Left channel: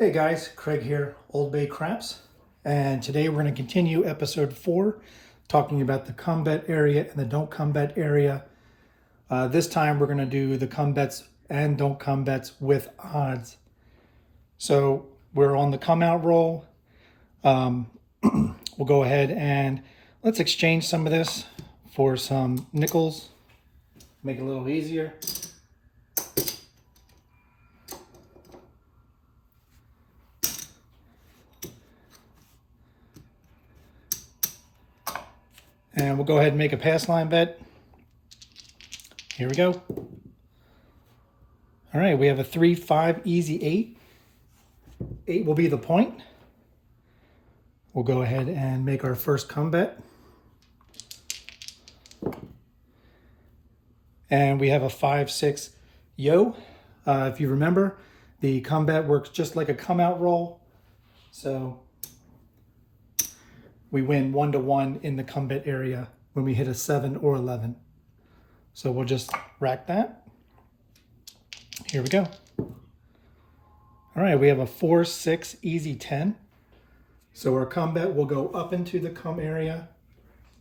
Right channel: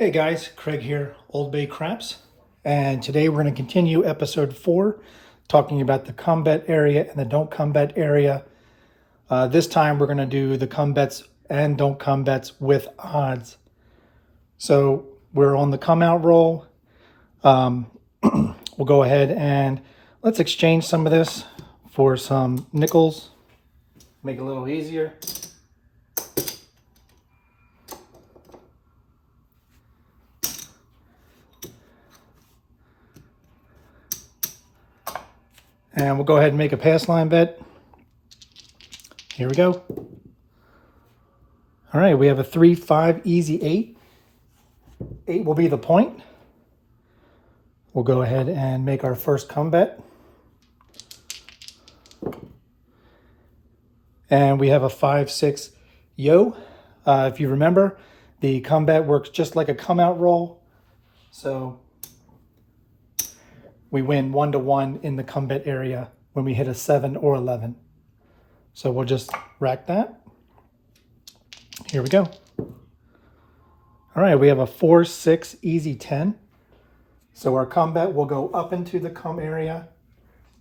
Hey guys, Craig here, Old Bay Craps, and today we're going to continue episode 4, talking about the come bet area and the don't come bet area. This time we're going to do the come bets and don't come bets with odds. So we're on the come out roll. We'll go ahead and let's exchange some of this for some nickels, make it a little easier. And we'll go ahead and make a pass line bet. Here we go. All right, we have a 3-5 easy 8. 8 will be the point. We'll go ahead and make our first come bet. And we have a 5-6 yo. If you remember, the come bet works just like a come out roll. So we win 1-to-1 in the come bet area when we hit a 7 or 11. So we'll just rack that. Here we go. All right, we have a 4-6 easy 10. So our come bet will go up into the come area,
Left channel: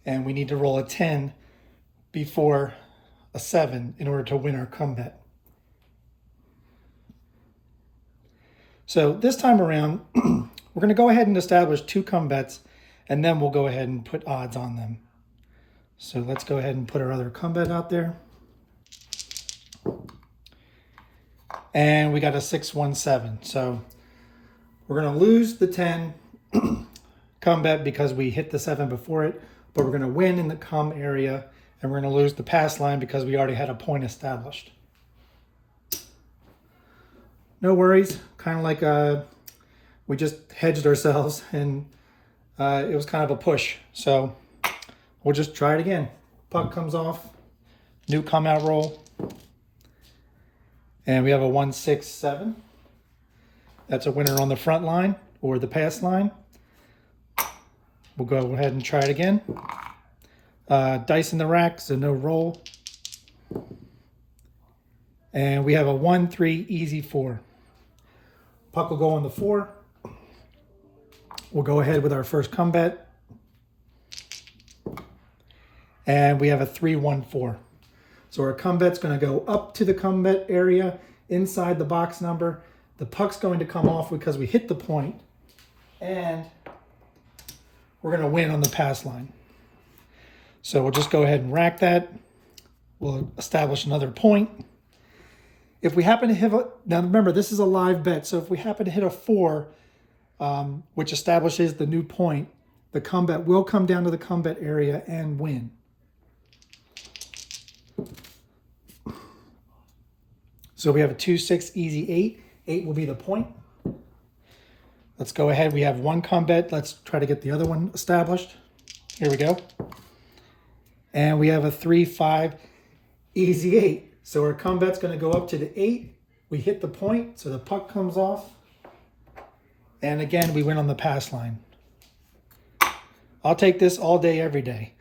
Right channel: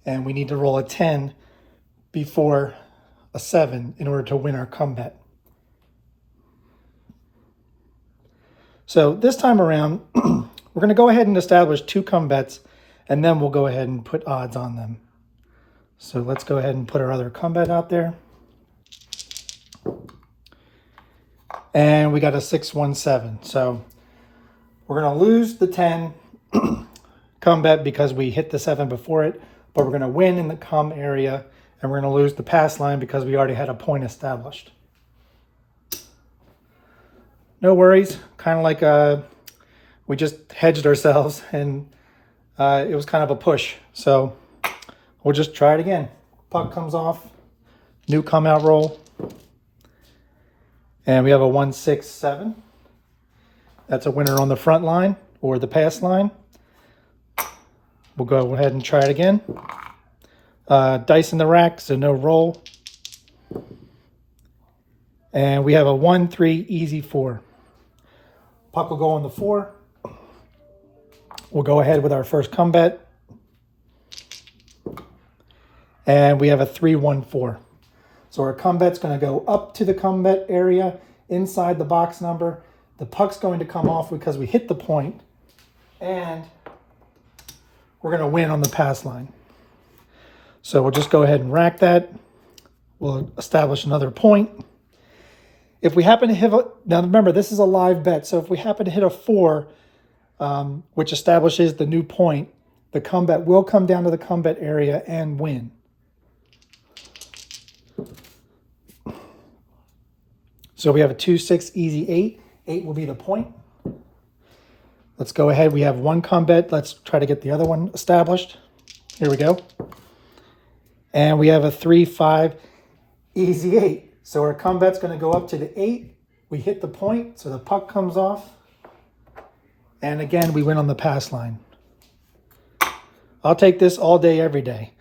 and we need to roll a 10 before a 7 in order to win our come bet. So this time around, we're going to go ahead and establish 2 come bets, and then we'll go ahead and put odds on them. So let's go ahead and put our other come bet out there. And we got a 6-1-7. So we're going to lose the 10 come bet because we hit the 7 before it, but we're going to win in the come area, and we're going to lose the pass line because we already had a point established. No worries. Kind of like we just hedged ourselves, and it was kind of a push. So we'll just try it again. Puck comes off, new come out roll. And we have a 1-6-7. That's a winner on the front line or the pass line. We'll go ahead and try it again. Dice in the rack, so no roll. And we have a 1-3 easy 4. Puck will go on the 4. We'll go ahead with our first come bet. And we have a 3-1-4. So our come bet's going to go up to the come bet area inside the box number. The puck's going to come off because we hit the point. And we're going to win on the pass line. So we'll just go ahead and rack that. We'll establish another point. If we happen to hit now remember, this is a live bet. So if we happen to hit a 4, which establishes the new point, the come bet will come down to the come bet area and win. So we have a 2-6 easy 8. 8 will be the point. Let's go ahead. We have one come bet. Let's try to get the other one established. Here we go. And we have a 3-5 easy 8. So our come bet's going to go up to the 8. We hit the point, so the puck comes off. And again, we win on the pass line. I'll take this all day, every day.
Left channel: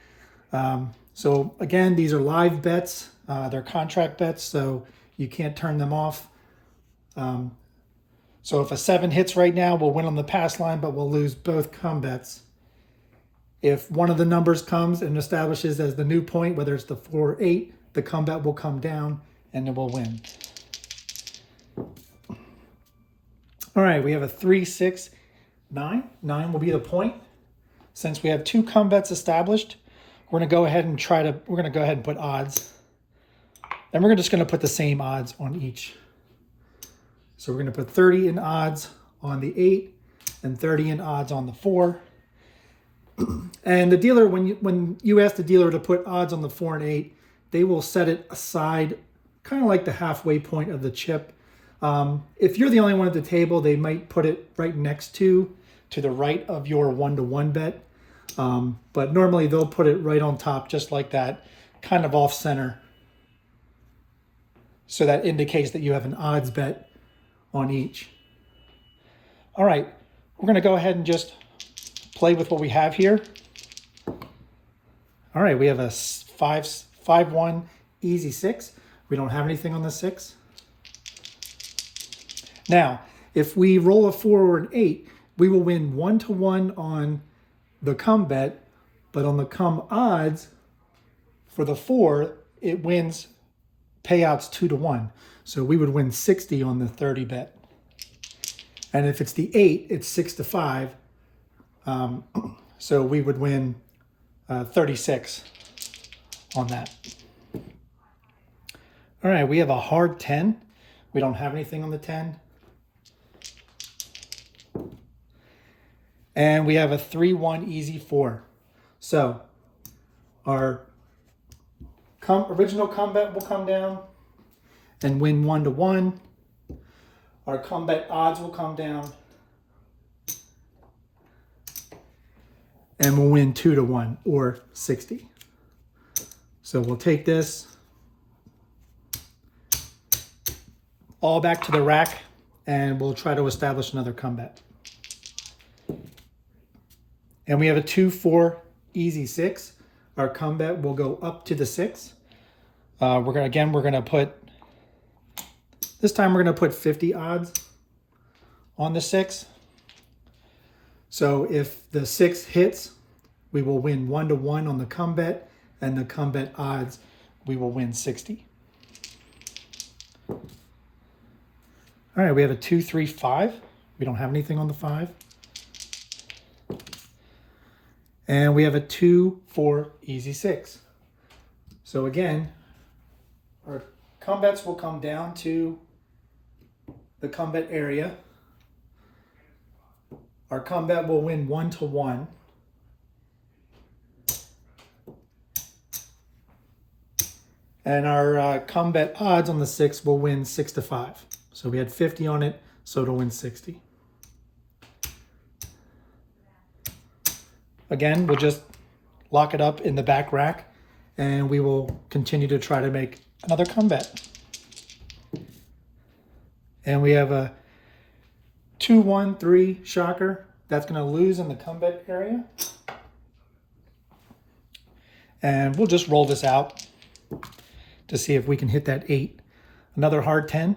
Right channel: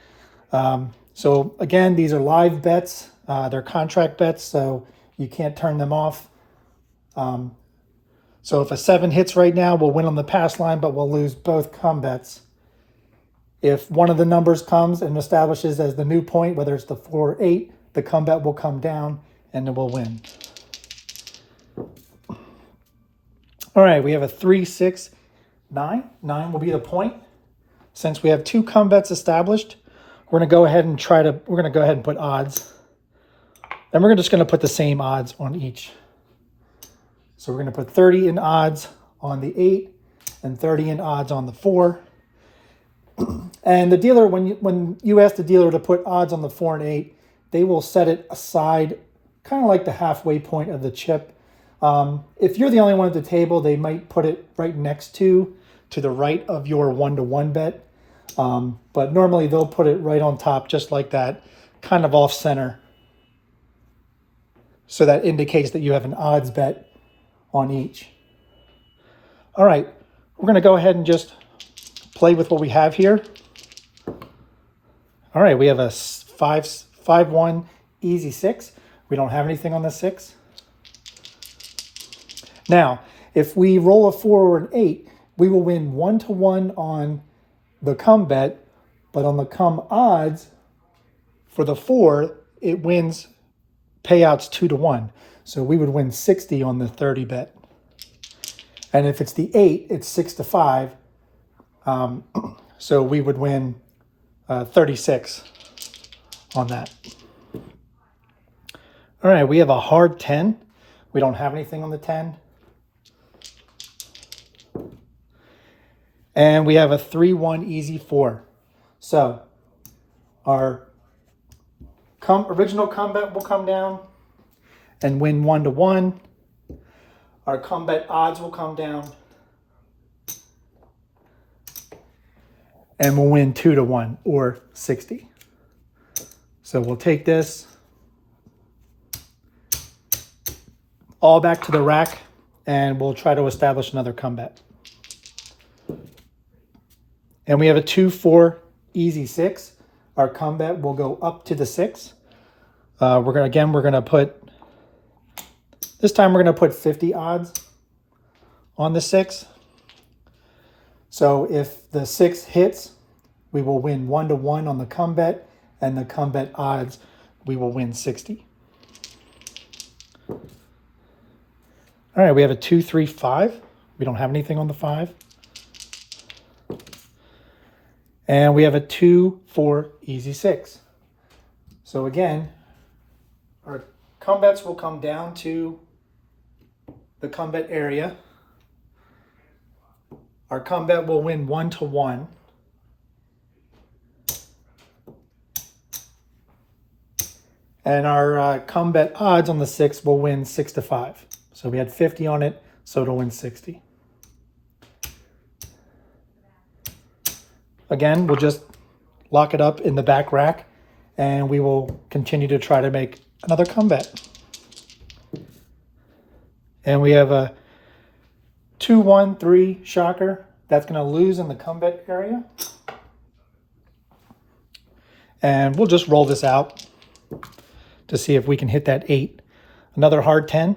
So again, these are live bets. They're contract bets, so you can't turn them off. So if a 7 hits right now, we'll win on the pass line, but we'll lose both come bets. If one of the numbers comes and establishes as the new point, whether it's the 4 or 8, the come bet will come down and then we'll win. All right, we have a 3-6-9. 9 will be the point. Since we have 2 come bets established, we're going to go ahead and put odds. And we're just going to put the same odds on each. So we're going to put 30 in odds on the 8 and 30 in odds on the 4. And the dealer, when you ask the dealer to put odds on the 4 and 8, they will set it aside, kind of like the halfway point of the chip. If you're the only one at the table, they might put it right next to the right of your 1-to-1 bet. But normally they'll put it right on top, just like that, kind of off center. So that indicates that you have an odds bet on each. All right, we're going to go ahead and just play with what we have here. All right, we have a 5-1 easy 6. We don't have anything on the 6. Now, if we roll a 4 or an 8, we will win 1-to-1 on the come bet, but on the come odds for the 4, it wins payouts 2-to-1. So we would win 60 on the 30 bet. And if it's the 8, it's 6-to-5. So we would win 36 on that. All right, we have a hard 10. We don't have anything on the 10. And we have a 3-1 easy 4. So our original come bet will come down and win 1-to-1. Our come bet odds will come down and we'll win 2-to-1 or 60. So we'll take this all back to the rack and we'll try to establish another come bet. And we have a 2-4 easy 6. Our come bet will go up to the 6. We're gonna put, this time we're gonna put 50 odds on the 6. So if the 6 hits, we will win 1-to-1 on the come bet, and the come bet odds, we will win 60. All right, we have a 2-3-5. We don't have anything on the 5. And we have a 2-4 easy 6. So again, our come bets will come down to the come bet area. Our come bet will win 1-to-1. And our come bet odds on the 6 will win 6-to-5. So we had 50 on it, so it'll win 60. Again, we'll just lock it up in the back rack and we will continue to try to make another come bet. And we have a 2-1-3 shocker. That's going to lose in the come bet area. And we'll just roll this out to see if we can hit that 8. Another hard 10.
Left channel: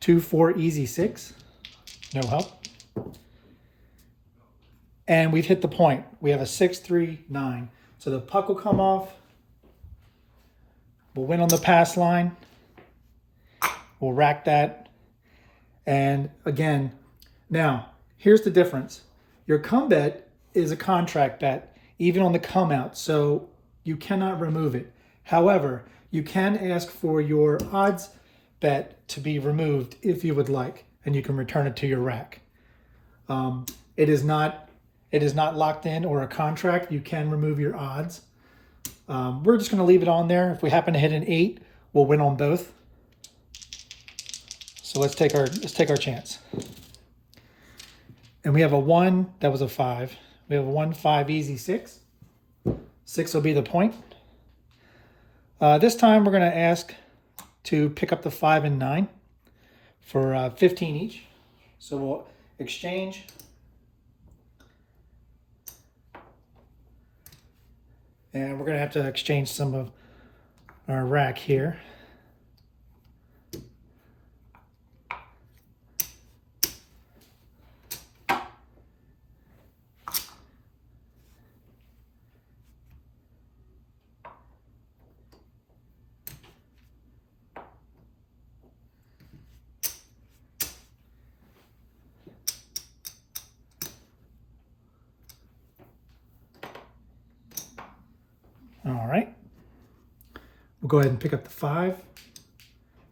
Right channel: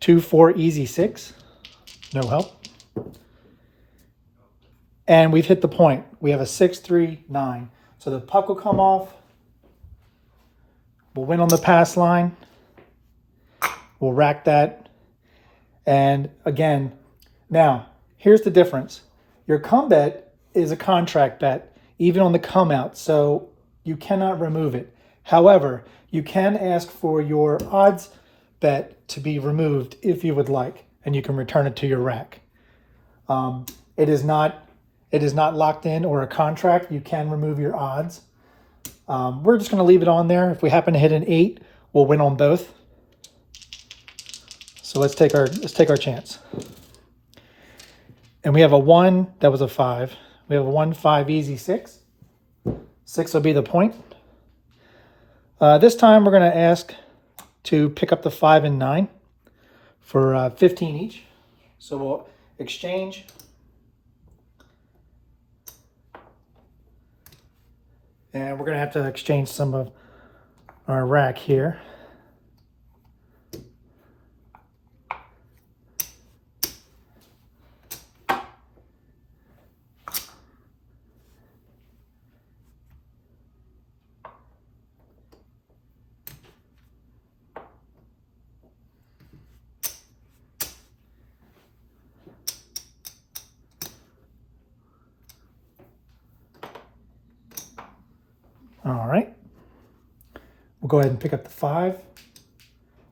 2-4 easy 6. No help. And we've hit the point. We have a 6-3-9. So the puck will come off. We'll win on the pass line. We'll rack that. And again, now, here's the difference. Your come bet is a contract bet, even on the come out. So you cannot remove it. However, you can ask for your odds bet to be removed if you would like, and you can return it to your rack. It is not locked in or a contract. You can remove your odds. We're just going to leave it on there. If we happen to hit an 8, we'll win on both. So let's take our chance. And we have a 1. That was a 5. We have a 1-5 easy 6. 6 will be the point. This time we're going to ask to pick up the 5 and 9 for 15 each. So we'll exchange. And we're going to have to exchange some of our rack here. All right. We'll go ahead and pick up the 5.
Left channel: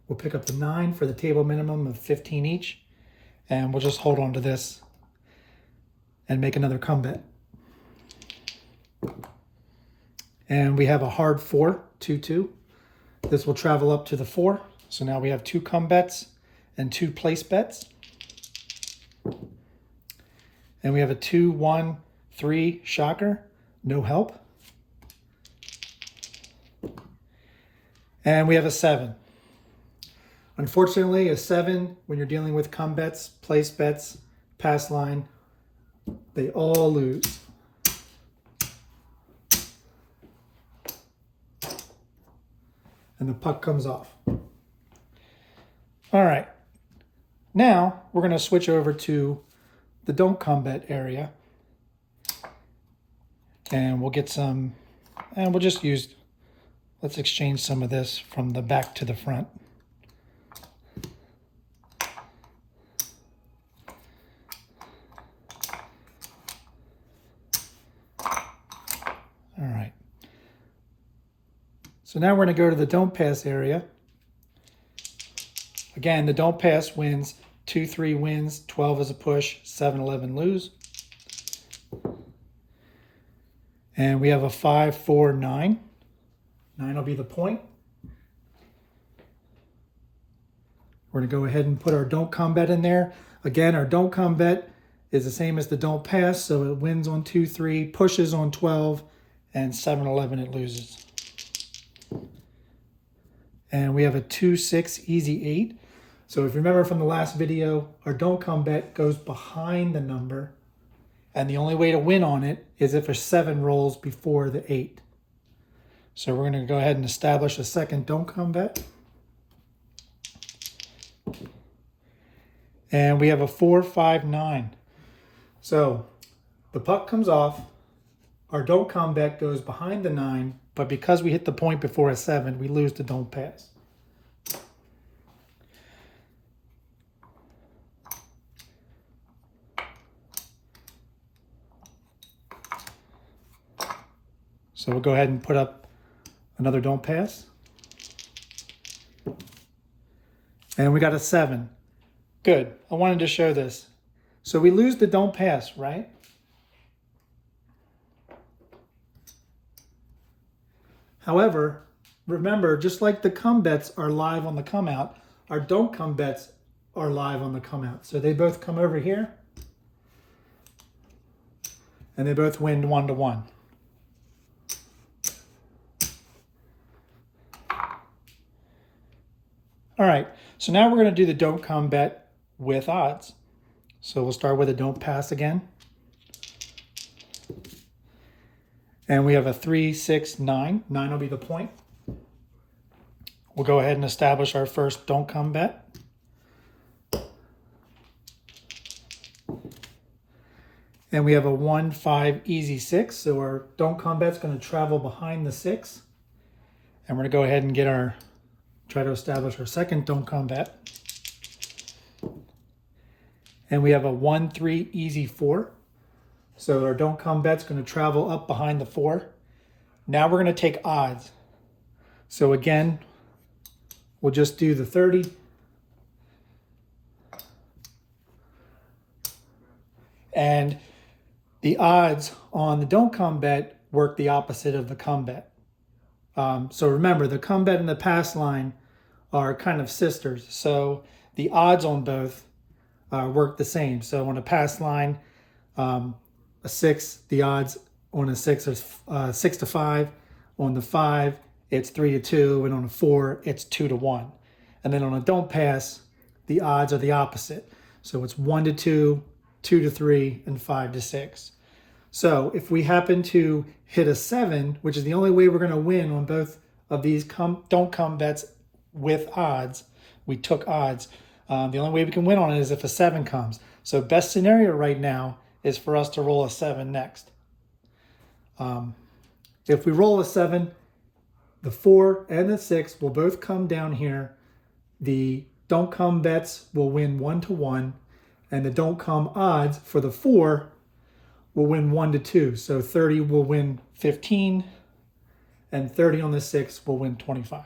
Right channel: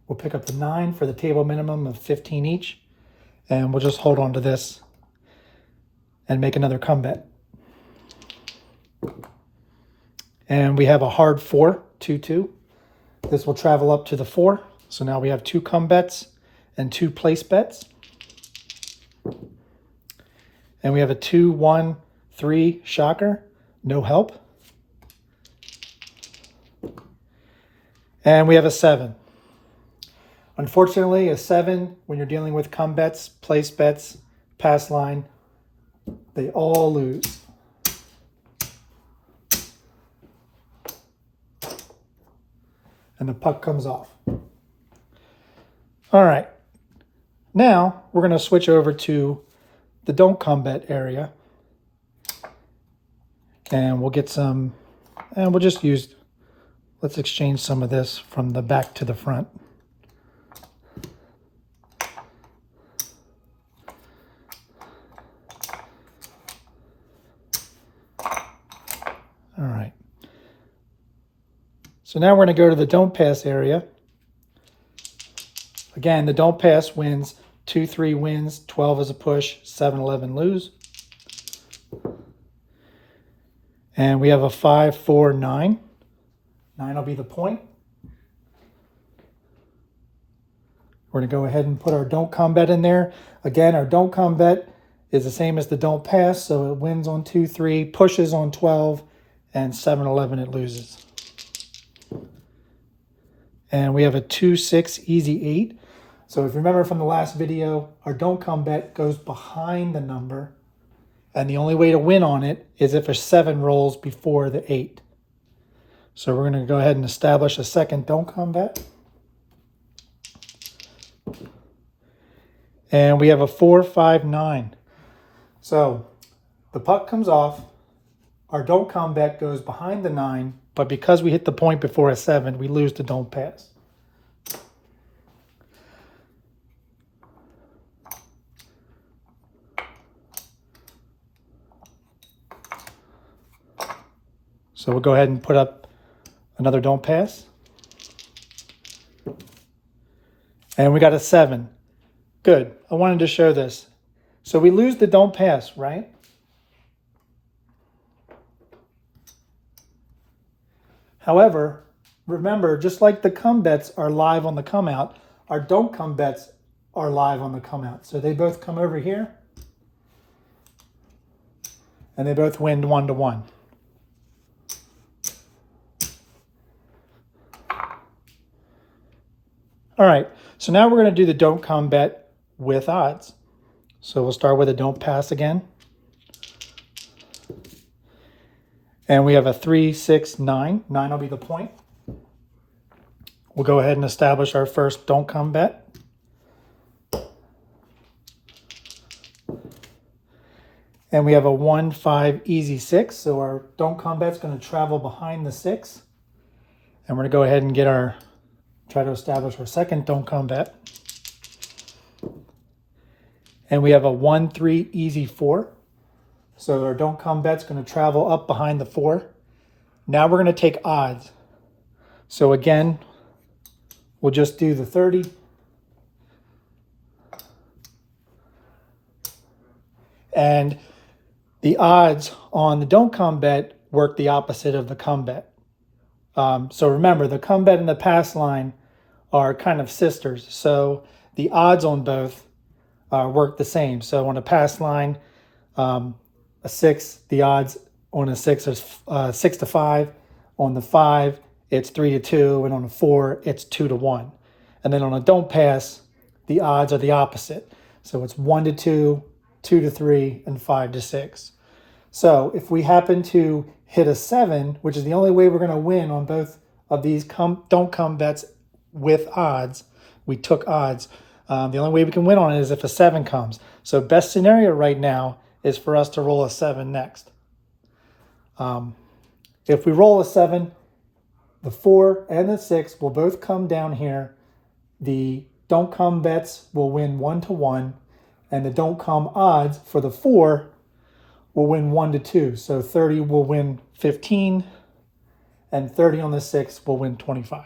We'll pick up the 9 for the table minimum of 15 each. And we'll just hold on to this and make another come bet. And we have a hard 4, 2-2. This will travel up to the 4. So now we have 2 come bets and 2 place bets. And we have a 2-1-3 shocker, no help. And we have a 7. Unfortunately, a 7, when you're dealing with come bets, place bets, pass line, they all lose. And the puck comes off. All right. Now we're going to switch over to the don't come bet area. And we'll get some, and we'll just use, let's exchange some of this from the back to the front. All right. So now we're going to go to the don't pass area. Again, the don't pass wins 2-3 wins, 12 is a push, 7-11 lose. And we have a 5-4-9. 9 will be the point. We're going to go ahead and put our don't come bet in there. Again, our don't come bet is the same as the don't pass, so it wins on 2-3, pushes on 12, and 7-11 it loses. And we have a 2-6 easy 8. So if you remember from the last video, our don't come bet goes behind the number, and the only way to win on it is if a 7 rolls before the 8. So we're going to go ahead and establish a second don't come bet. And we have a 4-5-9. So the puck comes off, our don't come bet goes behind the 9, but because we hit the point before a 7, we lose the don't pass. So we'll go ahead and put up another don't pass. And we got a 7. Good. I wanted to show this. So we lose the don't pass, right? However, remember, just like the come bets are live on the come out, our don't come bets are live on the come out. So they both come over here, and they both win 1-1. All right, so now we're going to do the don't come bet with odds. So we'll start with a don't pass again. And we have a 3-6-9. 9 will be the point. We'll go ahead and establish our first don't come bet. And we have a 1-5 easy 6. So our don't come bet's going to travel behind the 6. And we're going to go ahead and get our, try to establish our second don't come bet. And we have a 1-3 easy 4. So our don't come bet's going to travel up behind the 4. Now we're going to take odds. So again, we'll just do the 30. And the odds on the don't come bet work the opposite of the come bet. So remember, the come bet and the pass line are kind of sisters. So the odds on both work the same. So on a pass line, a 6, the odds on a 6 is 6-5. On the 5, it's 3-2, and on a 4, it's 2-1. And then on a don't pass, the odds are the opposite. So it's 1-2, 2-3, and 5-6. So if we happen to hit a 7, which is the only way we're going to win on both of these don't come bets with odds, we took odds. The only way we can win on it is if a 7 comes. So best scenario right now is for us to roll a 7 next. If we roll a 7, the 4 and the 6 will both come down here. The don't come bets will win 1-1, and the don't come odds for the 4 will win 1-2. So 30 will win 15, and 30 on the 6 will win 25.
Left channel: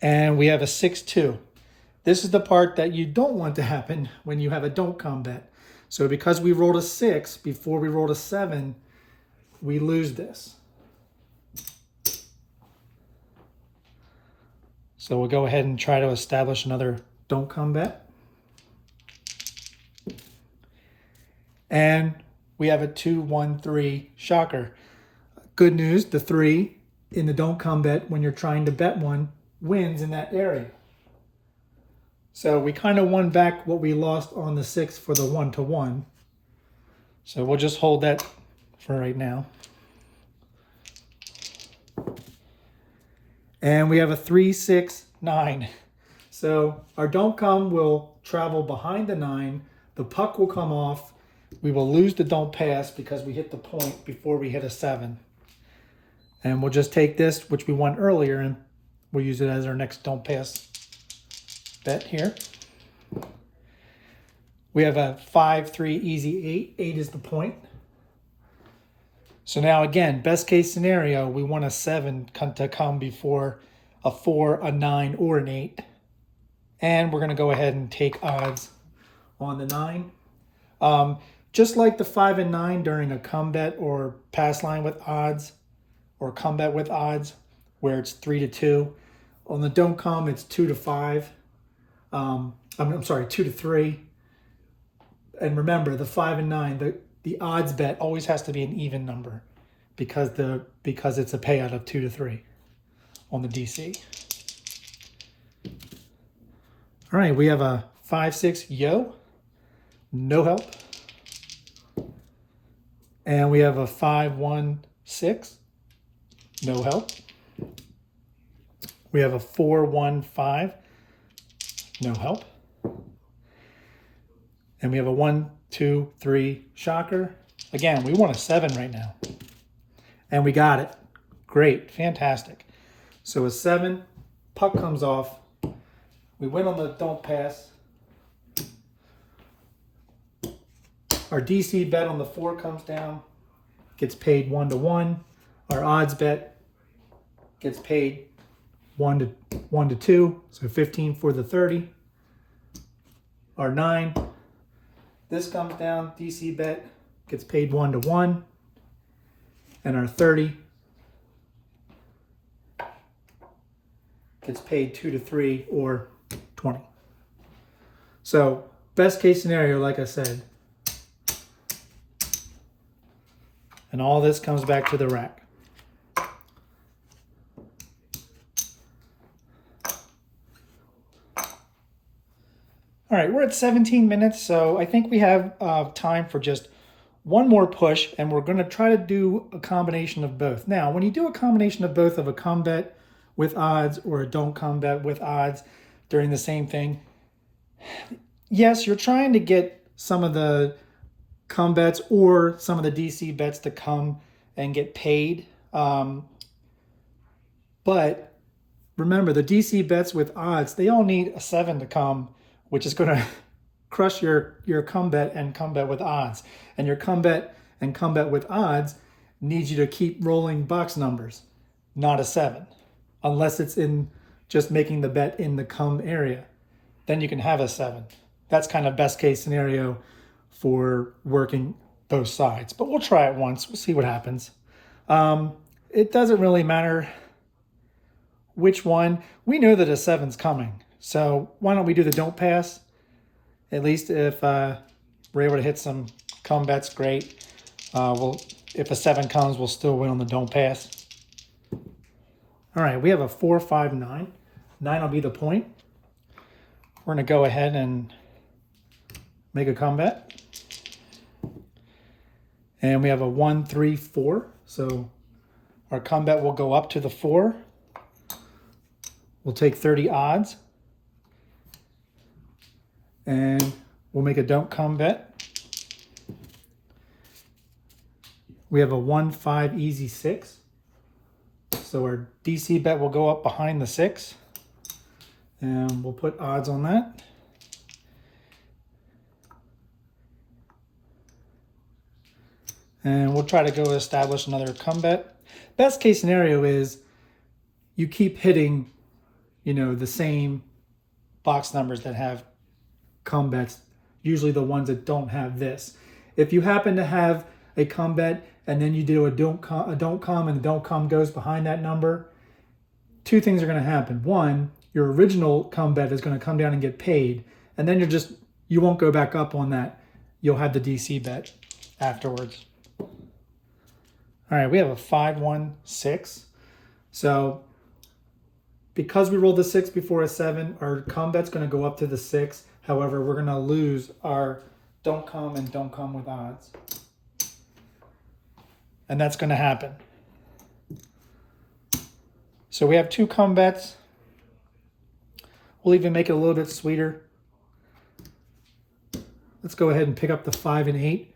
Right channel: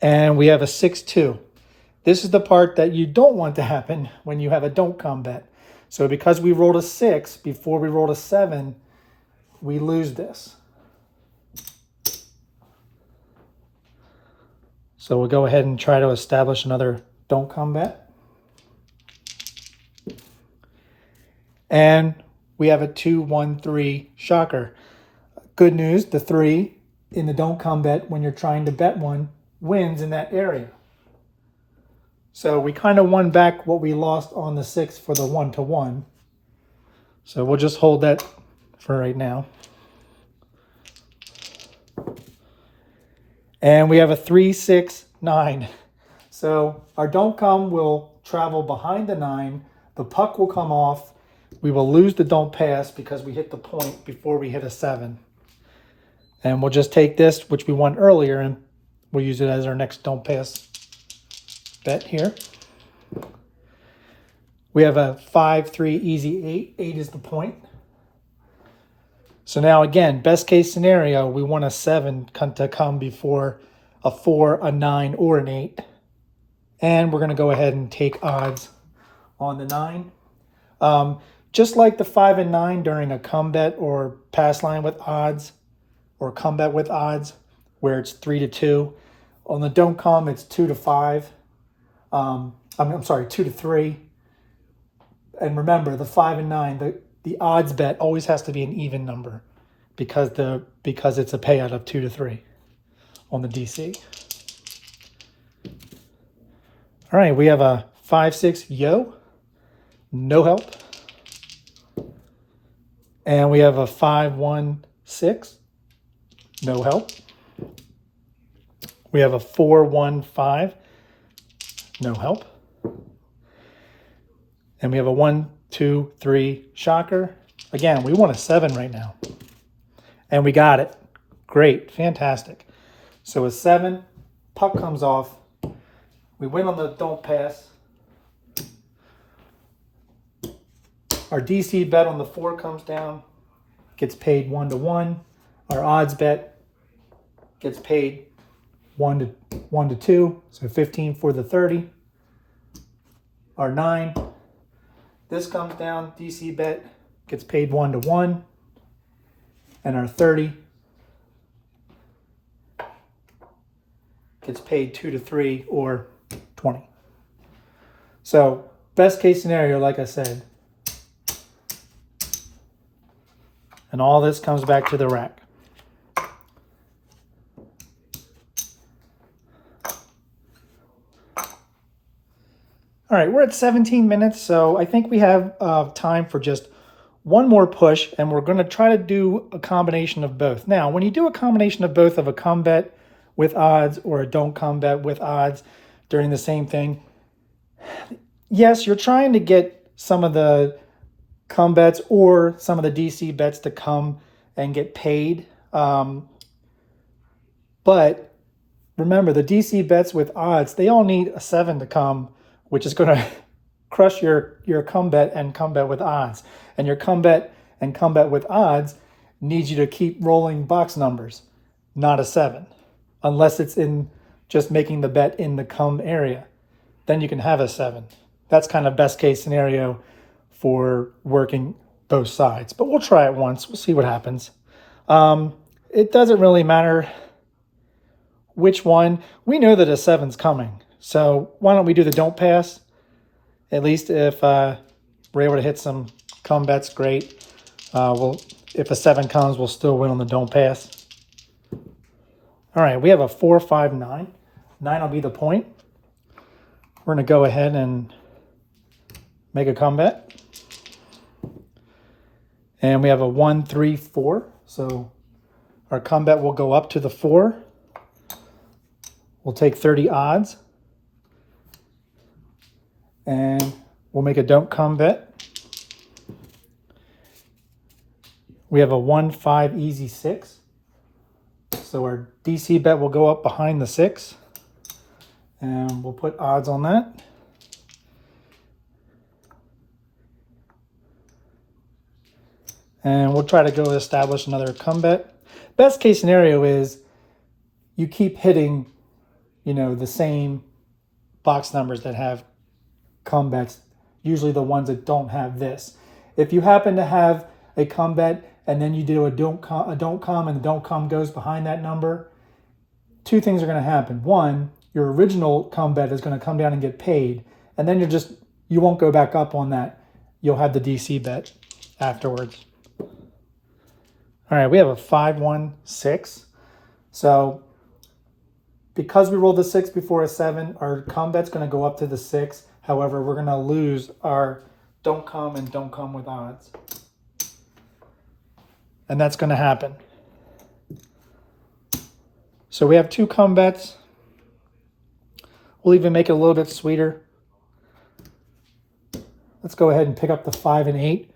And we have a 6-2. This is the part that you don't want to happen when you have a don't come bet. So because we rolled a 6 before we rolled a 7, we lose this. So we'll go ahead and try to establish another don't come bet. And we have a 2-1-3 shocker. Good news, the 3 in the don't come bet when you're trying to bet one wins in that area. So we kind of won back what we lost on the 6 for the 1-1. So we'll just hold that for right now. And we have a 3-6-9. So our don't come will travel behind the 9. The puck will come off. We will lose the don't pass because we hit the point before we hit a 7. And we'll just take this, which we won earlier, and we'll use it as our next don't pass bet here. We have a 5-3 easy 8. 8 is the point. So now again, best case scenario, we want a 7 to come before a 4, a 9, or an 8. And we're going to go ahead and take odds on the 9. Just like the 5 and 9 during a come bet or pass line with odds, or come bet with odds, where it's 3-2. On the don't come, it's 2-5. I'm sorry, 2-3. And remember, the 5 and 9, the odds bet always has to be an even number because it's a payout of 2-3 on the DC. All right, we have a 5-6 yo, no help. And we have a 5-1-6, no help. We have a 4-1-5, no help. And we have a 1-2-3 shocker. Again, we want a 7 right now. And we got it. Great, fantastic. So a 7, puck comes off. We win on the don't pass. Our DC bet on the 4 comes down, gets paid 1-1. Our odds bet gets paid 1-2, so 15 for the 30. Our 9, this comes down, DC bet gets paid 1-1. And our 30 gets paid 2-3 or 20. So best case scenario, like I said, and all this comes back to the rack. All right, we're at 17 minutes, so I think we have time for just one more push, and we're going to try to do a combination of both. Now, when you do a combination of both of a come bet with odds or a don't come bet with odds during the same thing, yes, you're trying to get some of the come bets or some of the DC bets to come and get paid. But remember, the DC bets with odds, they all need a 7 to come, which is going to crush your come bet and come bet with odds. And your come bet and come bet with odds needs you to keep rolling box numbers, not a 7. Unless it's in just making the bet in the come area. Then you can have a 7. That's kind of best case scenario for working both sides. But we'll try it once. We'll see what happens. It doesn't really matter which one. We know that a 7's coming. So why don't we do the don't pass? At least if we're able to hit some come bets, great. If a 7 comes, we'll still win on the don't pass. All right, we have a 4-5-9. 9 will be the point. We're going to go ahead and make a come bet. And we have a 1-3-4. So our come bet will go up to the 4. We'll take 30 odds. And we'll make a don't come bet. We have a 1-5 easy 6. So our DC bet will go up behind the 6. And we'll put odds on that. And we'll try to go establish another come bet. Best case scenario is you keep hitting, the same box numbers that have come bets, usually the ones that don't have this. If you happen to have a come bet and then you do a don't come and the don't come goes behind that number, 2 things are going to happen. One, your original come bet is going to come down and get paid, and then you won't go back up on that. You'll have the DC bet afterwards. All right, we have a 5-1-6. So because we rolled the 6 before a 7, our come bet's going to go up to the 6. However, we're going to lose our don't come and don't come with odds. And that's going to happen. So we have 2 come bets. We'll even make it a little bit sweeter. Let's go ahead and pick up the 5 and 8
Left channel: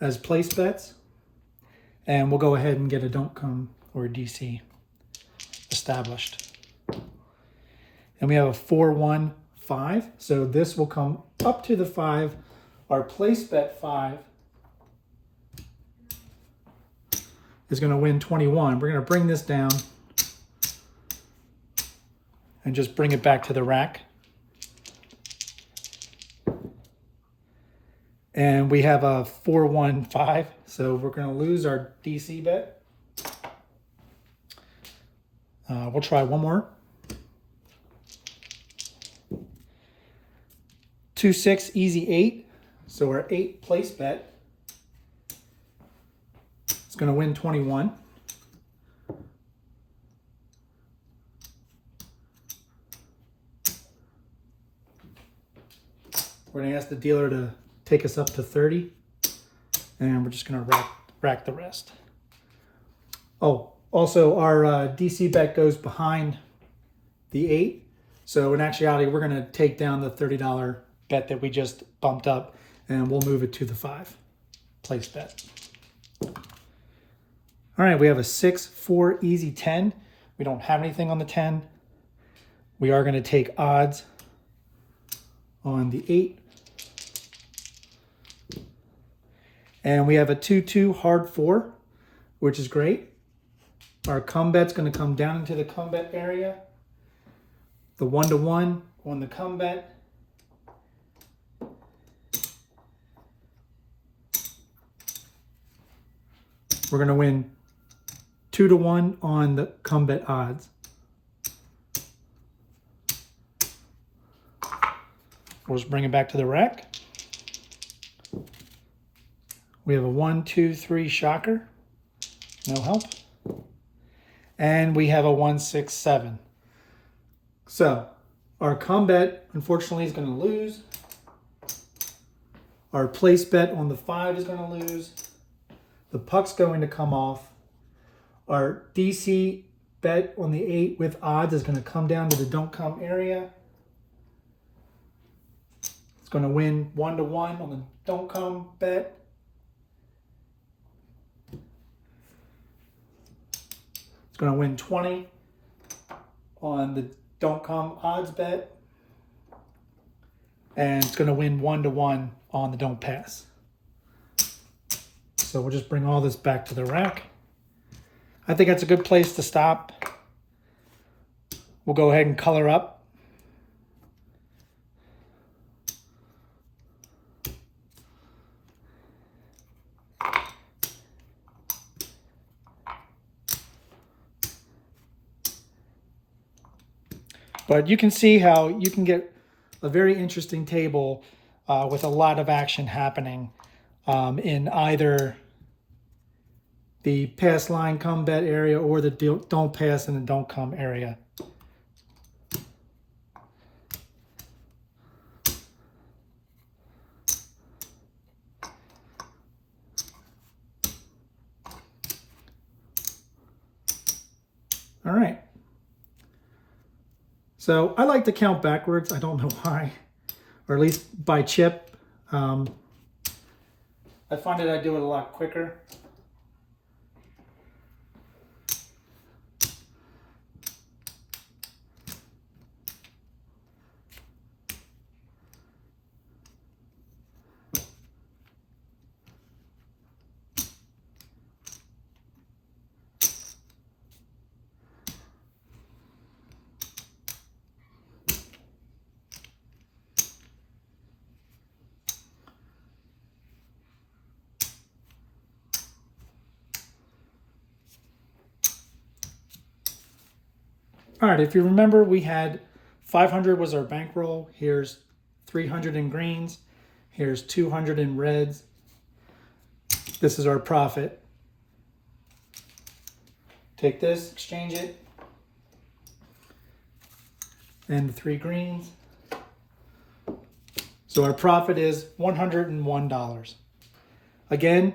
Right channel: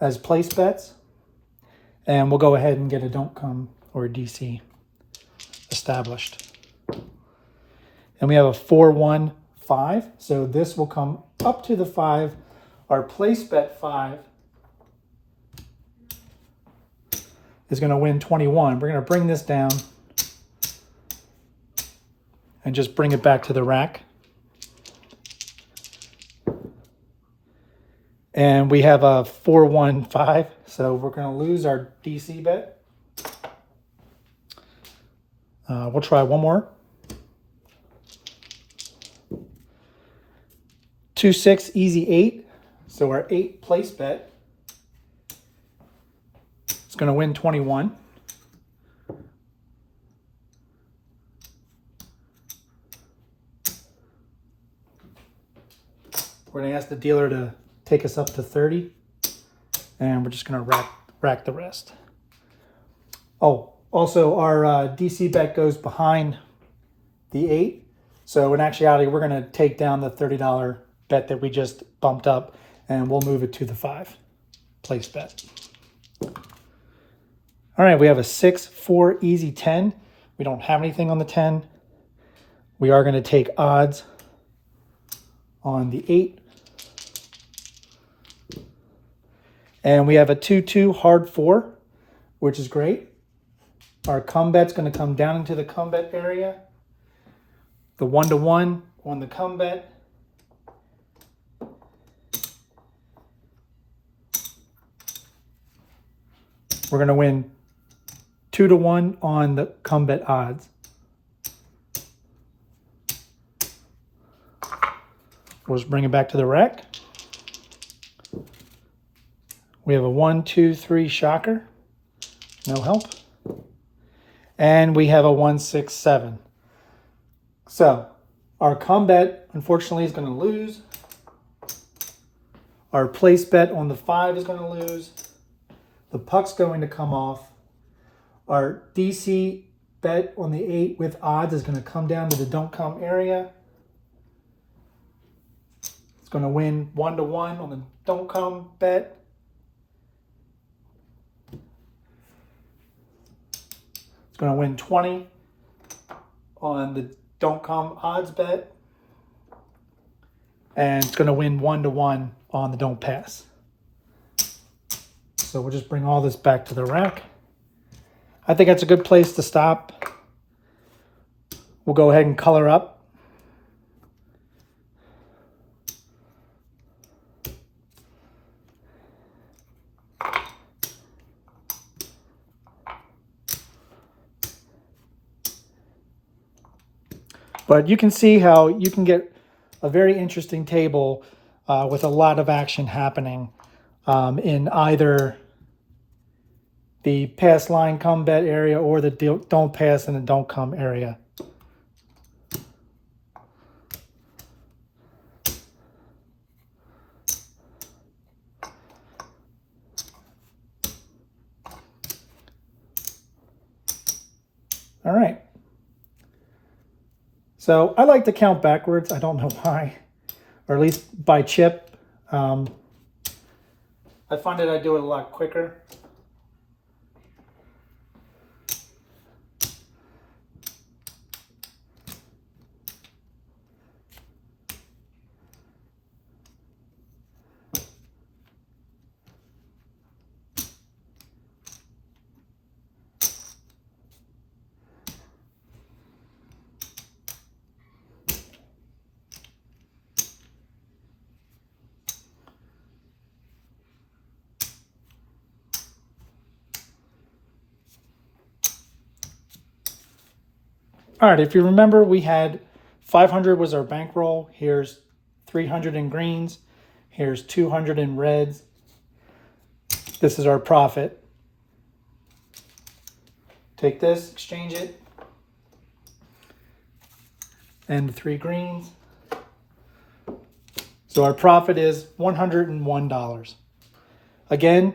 as place bets. And we'll go ahead and get a don't come or a DC established. And we have a 4, 1, 5. So this will come up to the 5. Our place bet 5 is going to win 21. We're going to bring this down and just bring it back to the rack. And we have a 4, 1, 5. So we're going to lose our DC bet. We'll try one more. 2, 6, easy 8. So our 8 place bet is going to win 21. We're going to ask the dealer to take us up to 30. And we're just going to rack the rest. Oh, also our DC bet goes behind the 8. So in actuality, we're going to take down the $30 bet that we just bumped up, and we'll move it to the 5 place bet. All right, we have a 6, 4, easy 10. We don't have anything on the 10. We are going to take odds on the 8. And we have a 2, 2, hard 4, which is great. Our come bet's going to come down into the come bet area. The 1 to 1 on the come bet. We're going to win 2 to 1 on the come bet odds. We'll just bring it back to the rack. We have a 1, 2, 3 shocker. No help. And we have a 1, 6, 7. So our come bet, unfortunately, is going to lose. Our place bet on the 5 is going to lose. The puck's going to come off. Our DC bet on the 8 with odds is going to come down to the don't come area. It's going to win 1 to 1 on the don't come bet. It's going to win 20 on the don't come odds bet. And it's going to win 1 to 1 on the don't pass. So we'll just bring all this back to the rack. I think that's a good place to stop. We'll go ahead and color up. But you can see how you can get a very interesting table with a lot of action happening in either the pass line come bet area or the don't pass and the don't come area. All right. So I like to count backwards. I don't know why, or at least by chip. I find that I do it a lot quicker. All right, if you remember, we had 500 was our bankroll. Here's 300 in greens. Here's 200 in reds. This is our profit. Take this, exchange it, and the 3 greens. So our profit is $101. Again,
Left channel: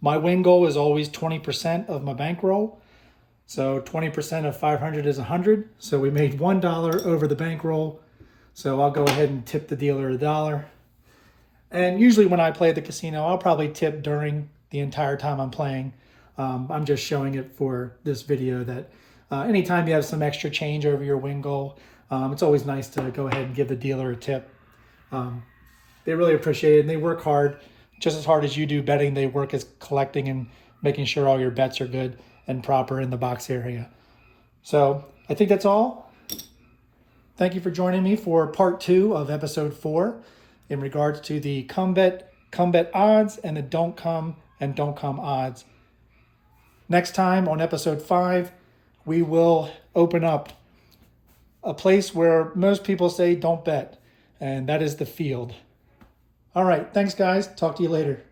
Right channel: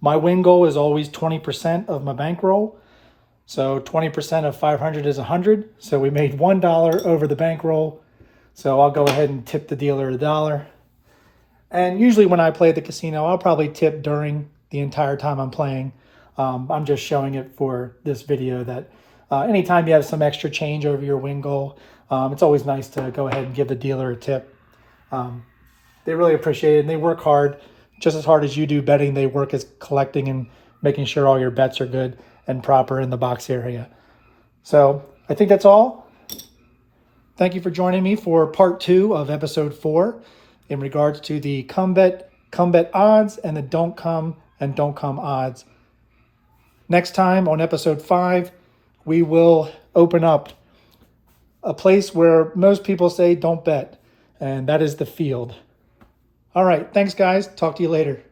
my win goal is always 20% of my bankroll. So 20% of 500 is 100. So we made $1 over the bankroll. So I'll go ahead and tip the dealer $1. And usually when I play at the casino, I'll probably tip during the entire time I'm playing. I'm just showing it for this video that anytime you have some extra change over your win goal, it's always nice to go ahead and give the dealer a tip. They really appreciate it, and they work hard, just as hard as you do betting. They work as collecting and making sure all your bets are good and proper in the box area. So I think that's all. Thank you for joining me for part 2 of episode 4 in regards to the come bet odds and the don't come odds. Next time on episode 5, we will open up a place where most people say don't bet, and that is the field. All right, thanks guys. Talk to you later.